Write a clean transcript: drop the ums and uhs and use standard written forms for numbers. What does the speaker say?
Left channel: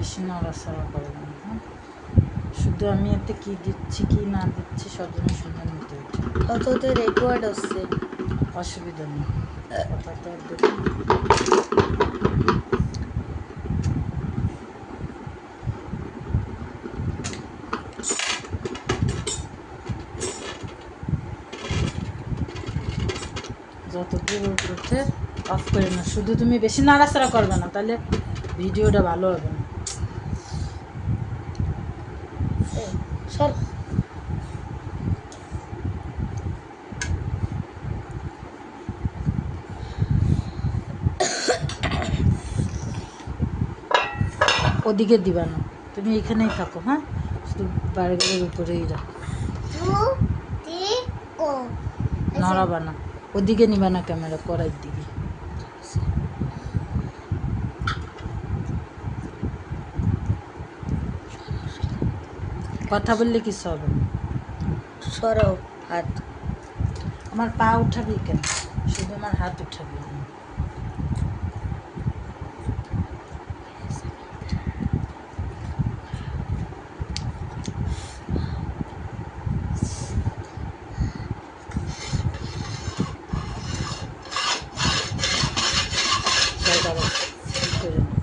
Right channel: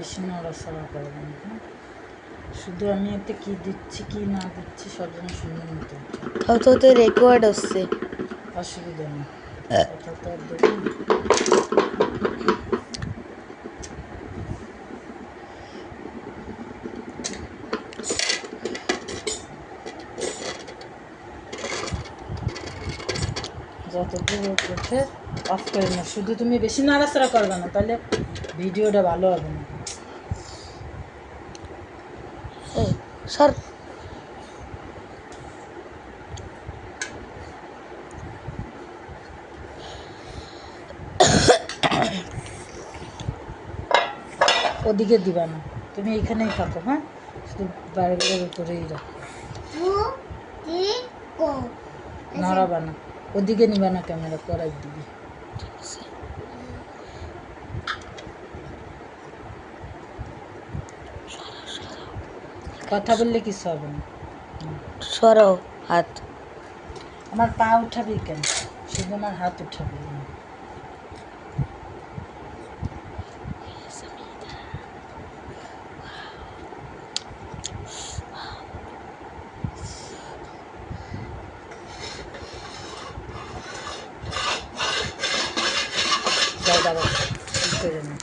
বেশি নাড়াচাড়া করবেন, হ্যাঁ? শুধু আমি এতে কি দিচ্ছি কি না দিচ্ছি সব যেন শুনে নিতে হচ্ছে। তো রেকর্ড হচ্ছে, অসুবিধা নেই, কথা তো দেখুন। যতদূর করছে অফ করে না, শুধু তুমি বেশি নাড়াচাড়া করবে না, তাহলে ভিডিওটা ভালো হবে না। সর। ওদিকে দিবা না, তুমি এখানেই থাকো, হ্যাঁ? শুধু বার্গারের উপরেই রাখো, নড়াবা না। ওদিকে নিবা না ক্যামেরা, কড়াইয়ের দিকে। কথা বললে কিছু হবে না। সরাও হাত। আমার পা উঠাবি কেন, শুধু আমার হাত উঠাবি। দাঁড়াও, ঠিক করে না।